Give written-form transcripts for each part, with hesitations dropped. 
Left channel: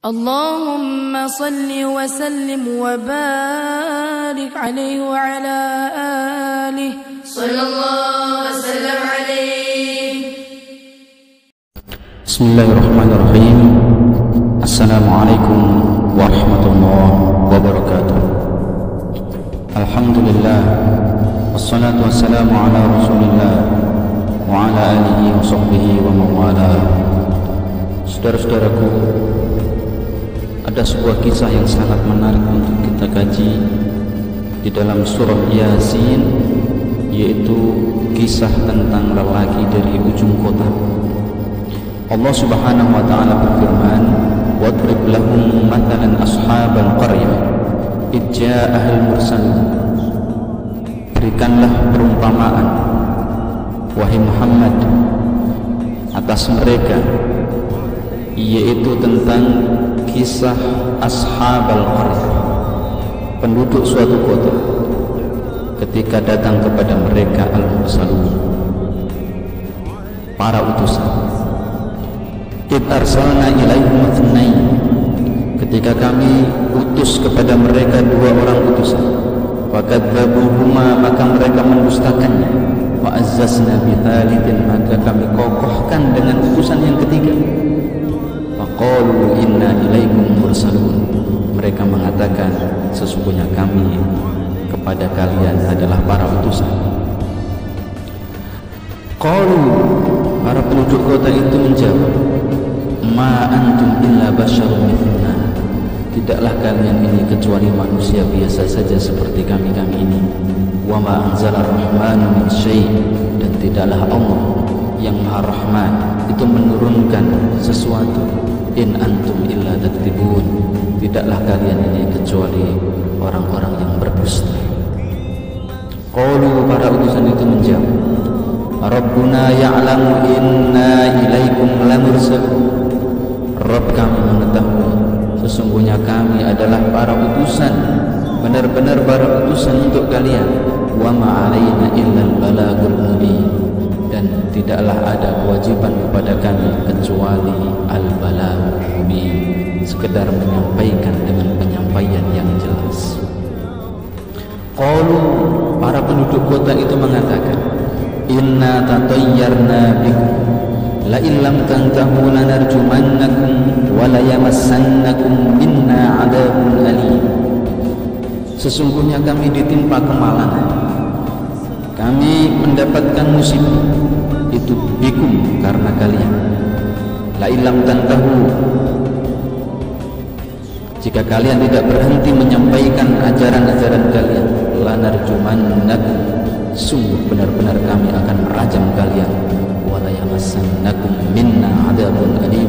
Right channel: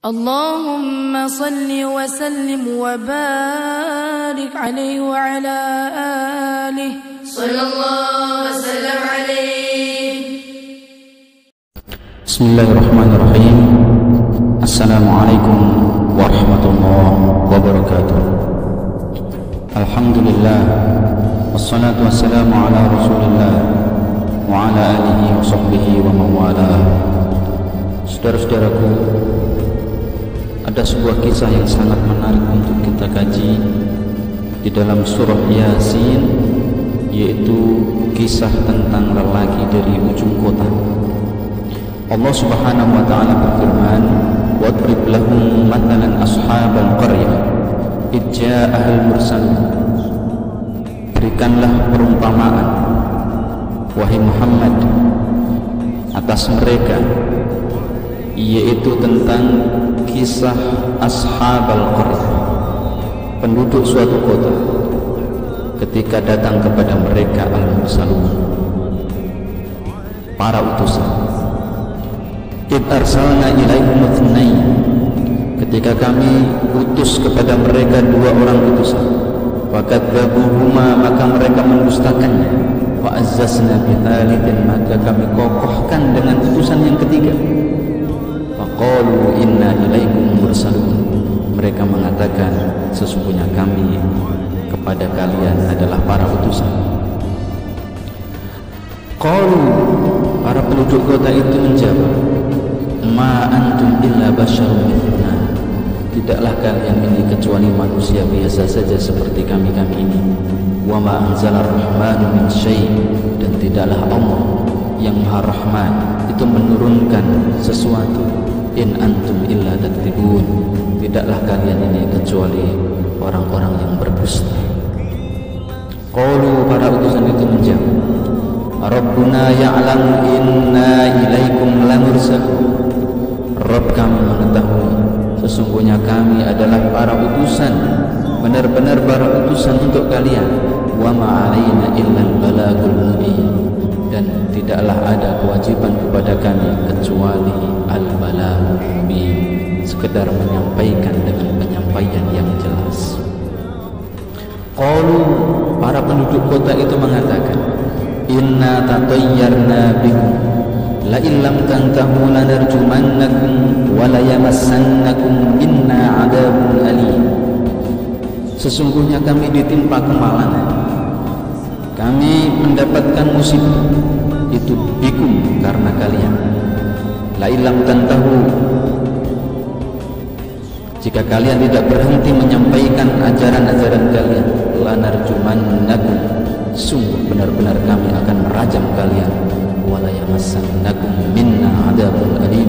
اللهم صل وسلم وبارك عليه وعلى آله صلى الله وسلم عليه. بسم الله الرحمن الرحيم. السلام عليكم ورحمة الله وبركاته. الحمد لله والصلاة والسلام على رسول الله وعلى آله وصحبه ومن والاه. Saudara-saudaraku, ada sebuah kisah yang sangat menarik untuk kita kaji di dalam surah Yasin, yaitu kisah tentang lelaki dari ujung kota. Allah Subhanahu wa taala berfirman, "Wadrib lahum mathalan ashabal qaryah idh ja'ahal mursalun." Berikanlah perumpamaan, wahai Muhammad, atas mereka, yaitu tentang kisah ashabal qaryah, penduduk suatu kota, ketika datang kepada mereka al-mursalun, para utusan. Id arsalna ilaihim itsnain, ketika kami utus kepada mereka dua orang utusan. Fakadzabuhuma, maka mereka mendustakannya. Wa azzazna bi tsalitsin, maka kami kokohkan dengan utusan yang ketiga. Faqalu inna ilaikum mursalun, mereka mengatakan sesungguhnya kami kepada kalian adalah para utusan. Qalu, para penduduk kota itu menjawab, ma antum illa basyarun mithluna, tidaklah kalian ini kecuali manusia biasa saja seperti kami ini. Wa ma anzalar rahmanu min syai', dan tidaklah Allah yang Maha Rahman itu menurunkan sesuatu. In antum illa taktibun, tidaklah kalian ini kecuali orang-orang yang berdusta. Qalu, para utusan itu menjawab, Rabbuna ya'lamu inna ilaikum lamursalun, Rabb kami mengetahui sesungguhnya kami adalah para utusan, benar-benar para utusan untuk kalian. Wa ma 'alaina illal balagul mubin, dan tidaklah ada kewajiban kepada kami kecuali al-balagul mubin, sekedar menyampaikan dengan penyampaian yang jelas. Qalu, para penduduk kota itu mengatakan, inna tatayyarna bikum la illam tantahu lanarjumannakum wa la yamassannakum minna 'adzabun alim. Sesungguhnya kami ditimpa kemalangan, kami mendapatkan musibah, itu bikum, karena kalian. La illam tantahu, jika kalian tidak berhenti menyampaikan ajaran-ajaran kalian, lanarjumannakum, sungguh benar-benar kami akan merajam kalian. Wala yamassannakum minna adzabun alim,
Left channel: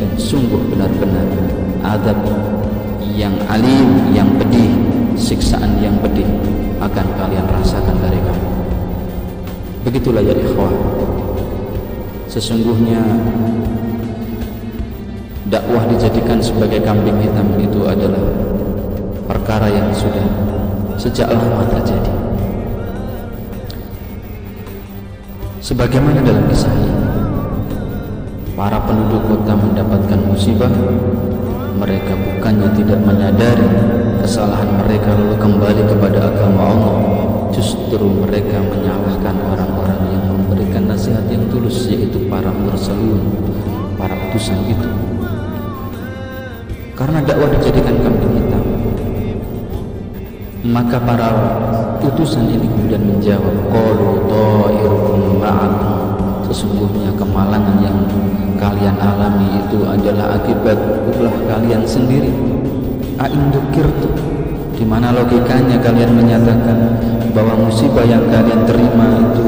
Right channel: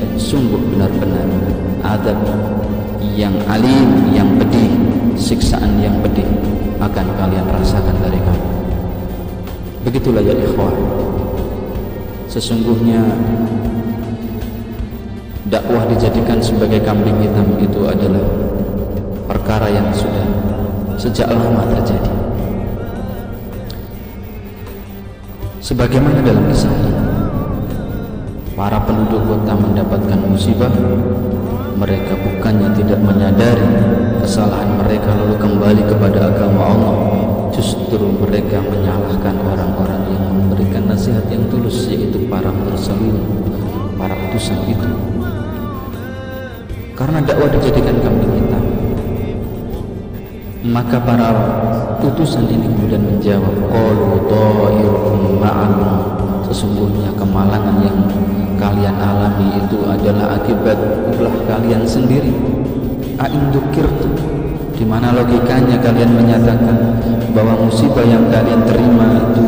dan sungguh benar-benar azab yang alim, yang pedih, siksaan yang pedih akan kalian rasakan dari kami. Begitulah ya ikhwah, sesungguhnya dakwah dijadikan sebagai kambing hitam itu adalah perkara yang sudah sejak lama terjadi. Sebagaimana dalam kisah ini, para penduduk kota mendapatkan musibah, mereka bukannya tidak menyadari kesalahan mereka lalu kembali kepada agama Allah, justru mereka menyalahkan orang-orang yang memberikan nasihat yang tulus, yaitu para mursalun, para utusan itu. Karena dakwah dijadikan kambing hitam, maka para utusan ini kemudian menjawab, qalu ta'irukum ma'akum, sesungguhnya kemalangan yang kalian alami itu adalah akibat ulah kalian sendiri. A'indukirtu, di mana logikanya kalian menyatakan bahwa musibah yang kalian terima itu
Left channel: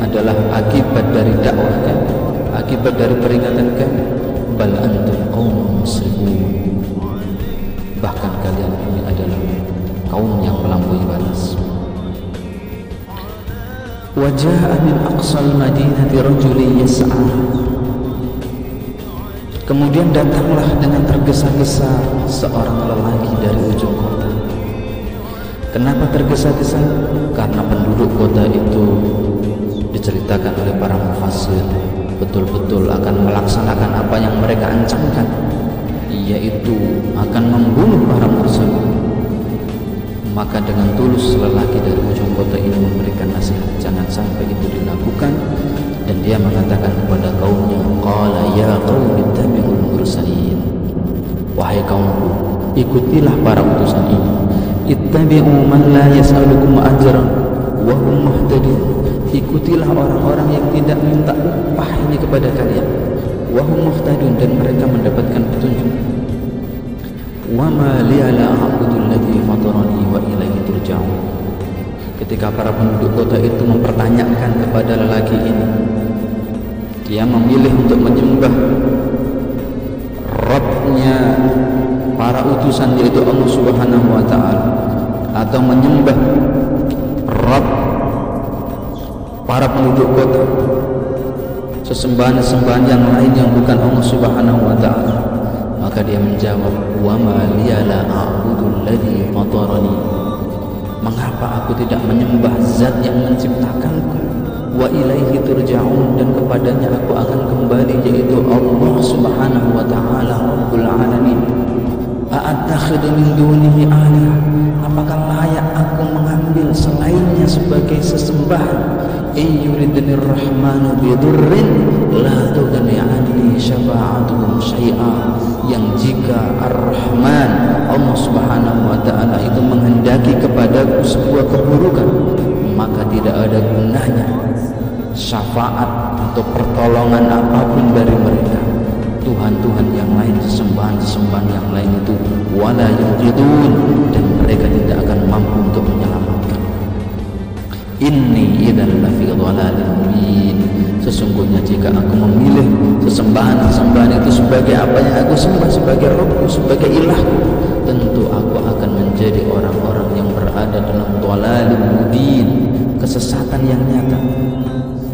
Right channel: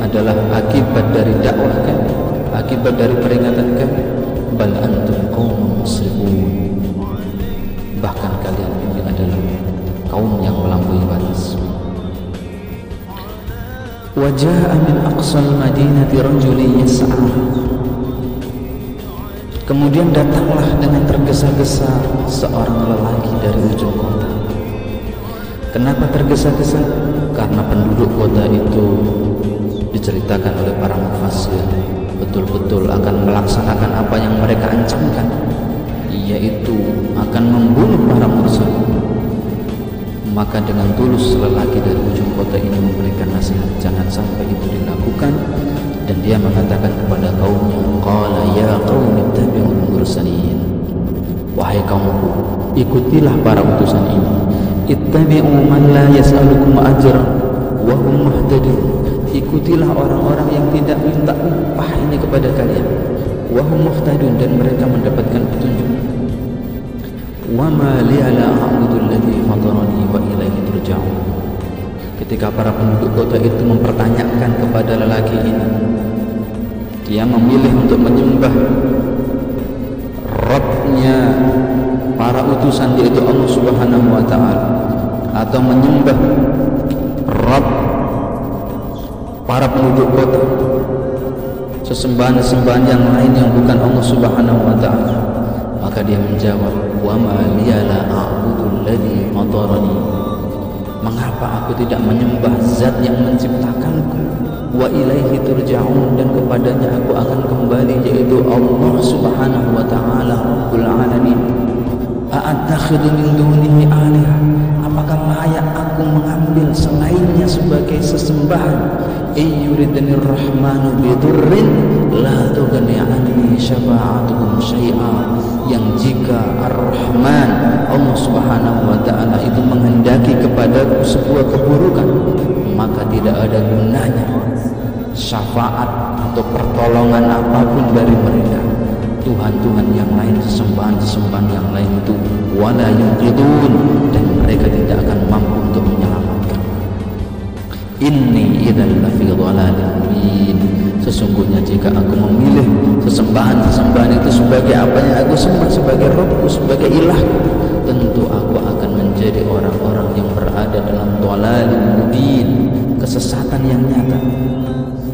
adalah akibat dari dakwah kami, akibat dari peringatan kami. Bal antum qaumun musrifun, bahkan kalian ini adalah kaum yang melampaui batas. Wa jaa'a min aqsal madinati rajulun yas'a, kemudian datanglah dengan tergesa-gesa seorang lelaki dari ujung kota. Kenapa tergesa-gesa? Karena penduduk kota itu diceritakan oleh para mufassir betul-betul akan melaksanakan apa yang mereka ancamkan, yaitu akan membunuh para mursalin. Maka dengan tulus lelaki dari ujung kota ini memberikan nasihat jangan sampai itu dilakukan, dan dia mengatakan kepada kaumnya, qala ya qaumi ittabi'ul mursalin, wahai kaumku, ikutilah para utusan ini. Ittabi'u man la yas'alukum ajran wa hum muhtadun, ikutilah orang-orang yang tidak minta upah ini kepada kalian, wa hum muhtadun, dan mereka mendapatkan petunjuk. Wa ma liya la a'budu alladhi fatarani wa ilaihi turja'un. Ketika para penduduk kota itu mempertanyakan kepada lelaki ini, dia memilih untuk menyembah Rabbnya para utusan, yaitu Allah Subhanahu wa ta'ala, atau menyembah Rabb para penduduk kota, sesembahan-sesembahan yang lain yang bukan Allah Subhanahu wa ta'ala. Maka dia menjawab, wa ma liya la a'budu alladhi fatarani, mengapa aku tidak menyembah zat yang menciptakanku, wa ilaihi turja'un, dan kepadanya aku akan kembali, yaitu Allah Subhanahu wa ta'ala Rabbul alamin. A'attakhidhu min dunihi alihah, apakah layak aku mengambil selainnya sebagai sesembahan? Ayyuridnir rahmanu bidurrin la tughni anni syafa'atuhum syai'a, yang jika Ar-Rahman Allah Subhanahu wa ta'ala itu menghendaki kepadaku sebuah keburukan, maka tidak ada gunanya syafaat atau pertolongan apapun dari mereka. Tuhan-Tuhan yang lain, sesembahan-sesembahan yang lain itu wala yunqidun, dan mereka tidak akan mampu untuk menyelamatkan. Inni idzal lafi dhalalin mubin, sesungguhnya jika aku memilih sesembahan-sesembahan itu sebagai apa yang aku sembah, sebagai Rabbku, sebagai ilahku, tentu aku akan menjadi orang-orang yang berada dalam dhalalin mubin, kesesatan yang nyata.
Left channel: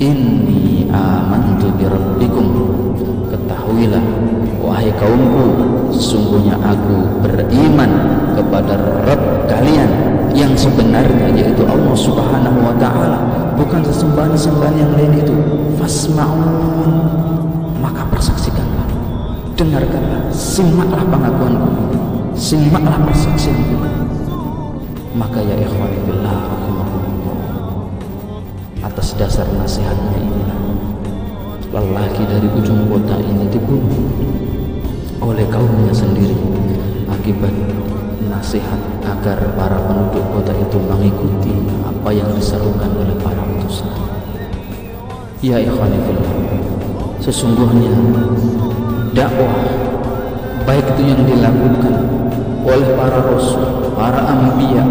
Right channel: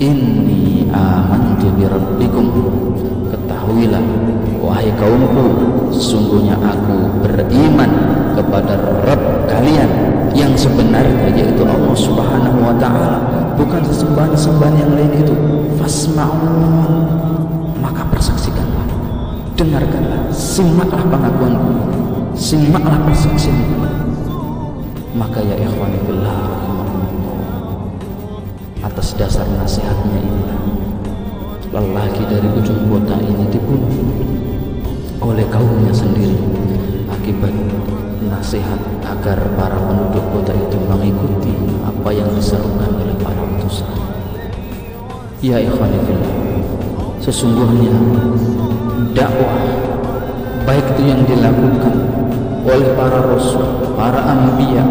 Inni amantu bi rabbikum, ketahuilah wahai kaumku, sesungguhnya aku beriman kepada Rabb kalian yang sebenarnya, yaitu Allah Subhanahu wa ta'ala, bukan sesembahan-sesembahan yang lain itu. Fasma'un, maka persaksikanlah, dengarkanlah, simaklah pengakuanku, simaklah persaksianku. Maka ya ikhwani fillah rahimakumullah, atas dasar nasihatnya inilah lelaki dari ujung kota ini dibunuh oleh kaumnya sendiri akibat nasihat agar para penduduk kota itu mengikuti apa yang diserukan oleh para utusan. Ya ikhwani fillah, sesungguhnya dakwah baik itu yang dilakukan oleh para rasul, para anbiya,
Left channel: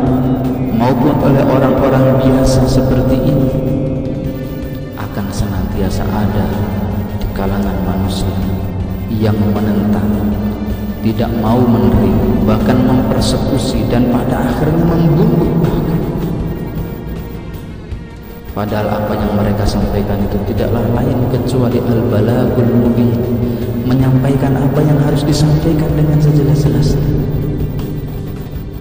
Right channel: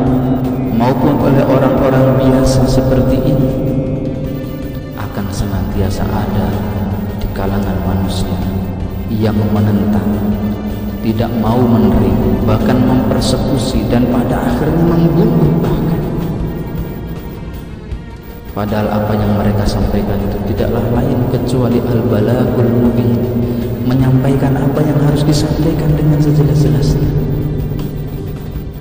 maupun oleh orang-orang biasa seperti ini akan senantiasa ada di kalangan manusia yang menentang, tidak mau menerima, bahkan mempersekusi, dan pada akhirnya membunuh bahkan. Padahal apa yang mereka sampaikan itu tidaklah lain kecuali al-balagul mubin, menyampaikan apa yang harus disampaikan dengan sejelas-jelasnya.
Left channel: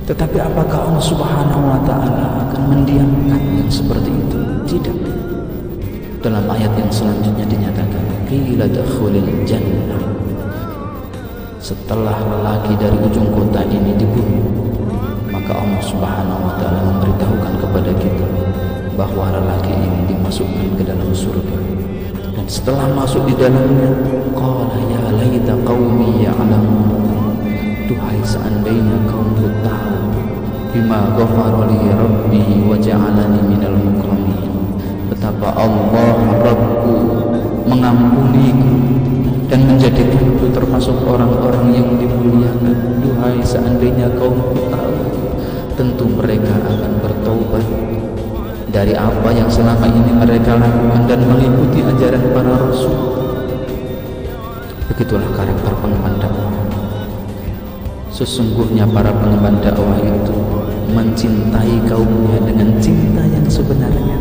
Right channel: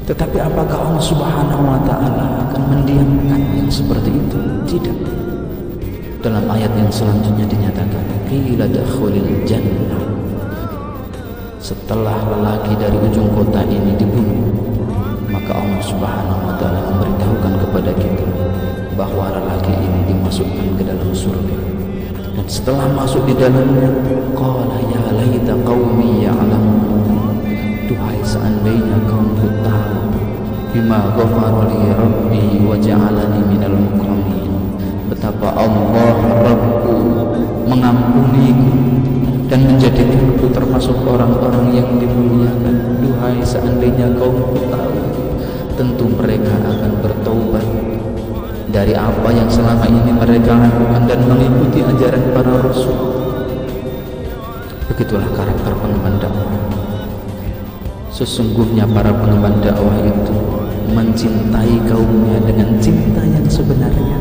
Tetapi apakah Allah Subhanahu wa ta'ala akan mendiamkan yang seperti itu? Tidak. Dalam ayat yang selanjutnya dinyatakan, qila dakhulil jannah, setelah lelaki dari ujung kota ini dibunuh, maka Allah Subhanahu wa ta'ala memberitahukan kepada kita bahwa lelaki ini dimasukkan ke dalam surga. Dan setelah masuk di dalamnya, qala ya laita qaumi ya'lamun, duhai seandainya kaumku tahu, bima ghafara li rabbi wa ja'alani minal mukramin, betapa Allah Rabbku mengampuniku dan menjadikanku termasuk orang-orang yang dimuliakan. Duhai seandainya kaumku tahu, tentu mereka akan bertaubat dari apa yang selama ini mereka lakukan dan mengikuti ajaran para rasul. Begitulah karakter pengemban dakwah. Sesungguhnya para pengemban dakwah itu mencintai kaumnya dengan cinta yang sebenarnya,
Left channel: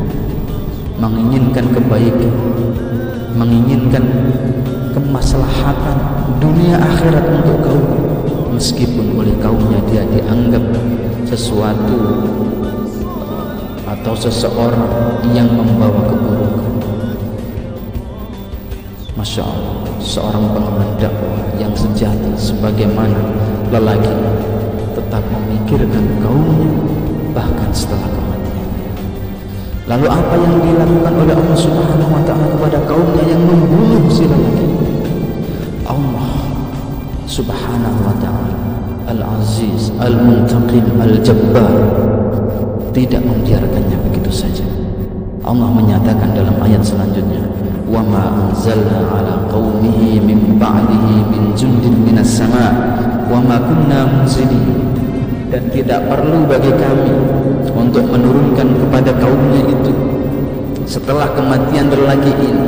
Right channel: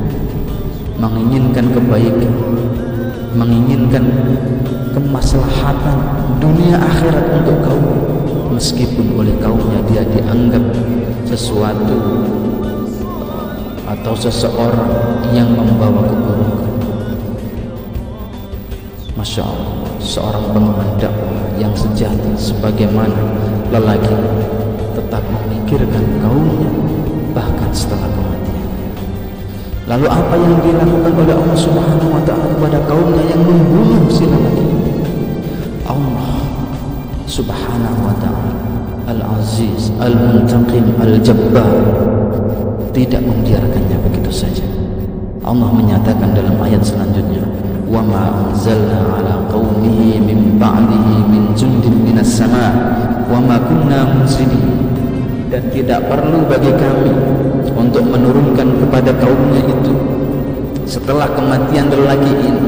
menginginkan kebaikan, menginginkan kemaslahatan dunia akhirat untuk kaumnya, meskipun oleh kaumnya dia dianggap sesuatu atau seseorang yang membawa keburukan. Masya Allah, seorang pengemban dakwah yang sejati sebagaimana lelaki tetap memikirkan kaumnya bahkan setelah kematian. Lalu apa yang dilakukan oleh Allah Subhanahu wa ta'ala kepada kaumnya yang membunuh si lelaki? Allah Subhanahu wa ta'ala Al-Aziz, Al-Muntaqim, Al-Jabbar tidak membiarkannya begitu saja. Allah menyatakan dalam ayat selanjutnya, wa ma anzalna ala qaumihi min ba'dihi min jundin minas sama wa ma kunna munzilin. Dan tidak perlu bagi kami untuk menurunkan kepada kaumnya itu setelah kematian lelaki ini,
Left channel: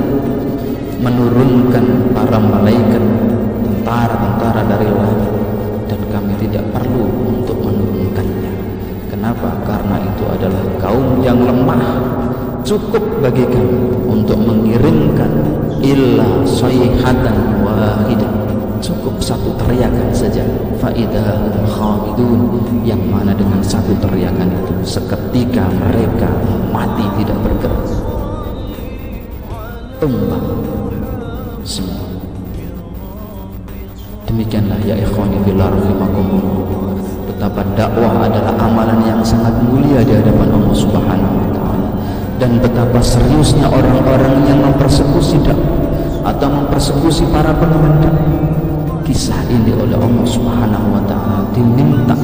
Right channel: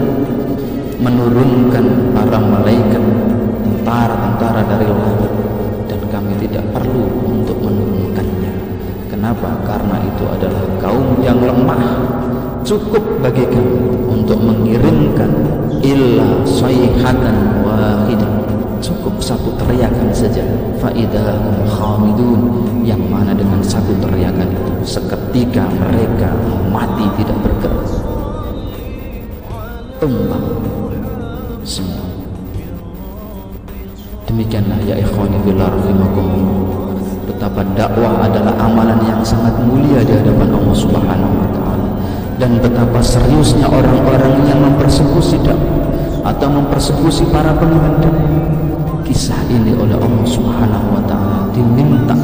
menurunkan para malaikat, tentara-tentara dari langit, dan kami tidak perlu untuk menurunkannya. Kenapa? Karena itu adalah kaum yang lemah. Cukup bagi kami untuk mengirimkan illa sayhatan wahidah, cukup satu teriakan saja, faidahum khamidun, yang mana dengan satu teriakan itu seketika mereka mati tidak bergerak, tumbang semua. Demikianlah ya ikhwani fillah rahimakumullah, betapa dakwah adalah amalan yang sangat mulia di hadapan Allah Subhanahu wa ta'ala, dan betapa seriusnya orang-orang yang mempersekusi dakwah atau mempersekusi para pengemban dakwah. Kisah ini oleh Allah Subhanahu wa ta'ala diminta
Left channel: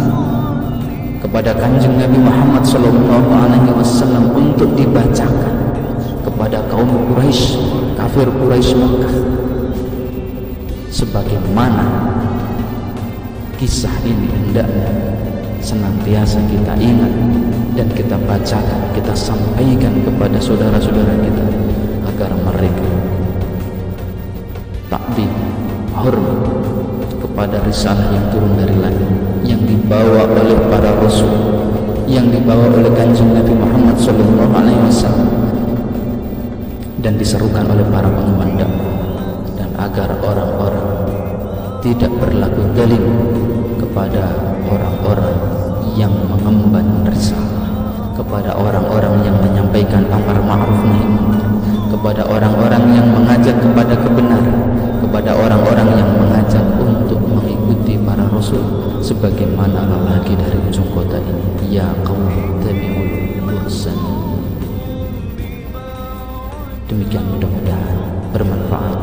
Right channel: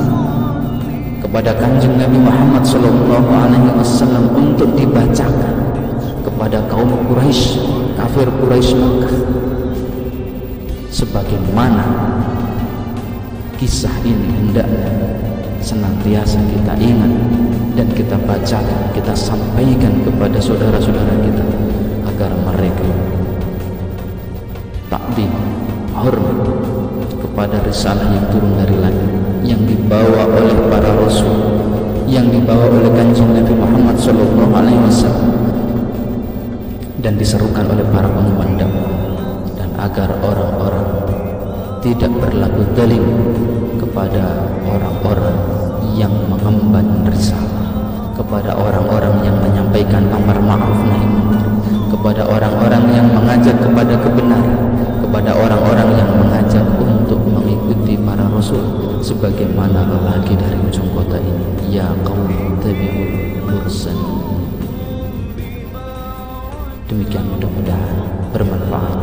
kepada Kanjeng Nabi Muhammad sallallahu alaihi wasallam untuk dibacakan kepada kaum Quraisy, kafir Quraisy Makkah. Sebagaimana kisah ini hendaknya senantiasa kita ingat dan kita bacakan, kita sampaikan kepada saudara-saudara kita agar mereka takdim, hormat kepada risalah yang turun dari langit, yang dibawa oleh para rasul, yang dibawa oleh Kanjeng Nabi Muhammad sallallahu alaihi wasallam, dan diserukan oleh para pengemban dakwah, dan agar orang-orang tidak berlaku zalim kepada orang-orang yang mengemban risalah, kepada orang-orang yang menyampaikan amar ma'ruf nahi munkar, kepada orang-orang yang mengajak kepada kebenaran, kepada orang-orang yang mengajak untuk mengikuti para rasul, sebagaimana lelaki dari ujung kota ini, ya qaum tabi'ul mursalin. Demikian, mudah-mudahan bermanfaat.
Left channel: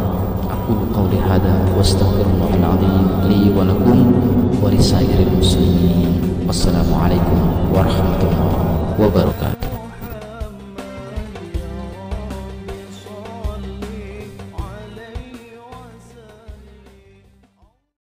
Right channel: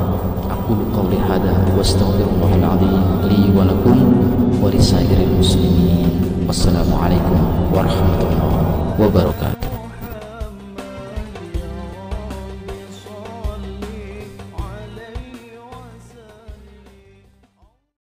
Aqulu qawli hadza wa astaghfirullahal azim li wa lakum wa lisairil muslimin. Wassalamualaikum warahmatullahi wabarakatuh.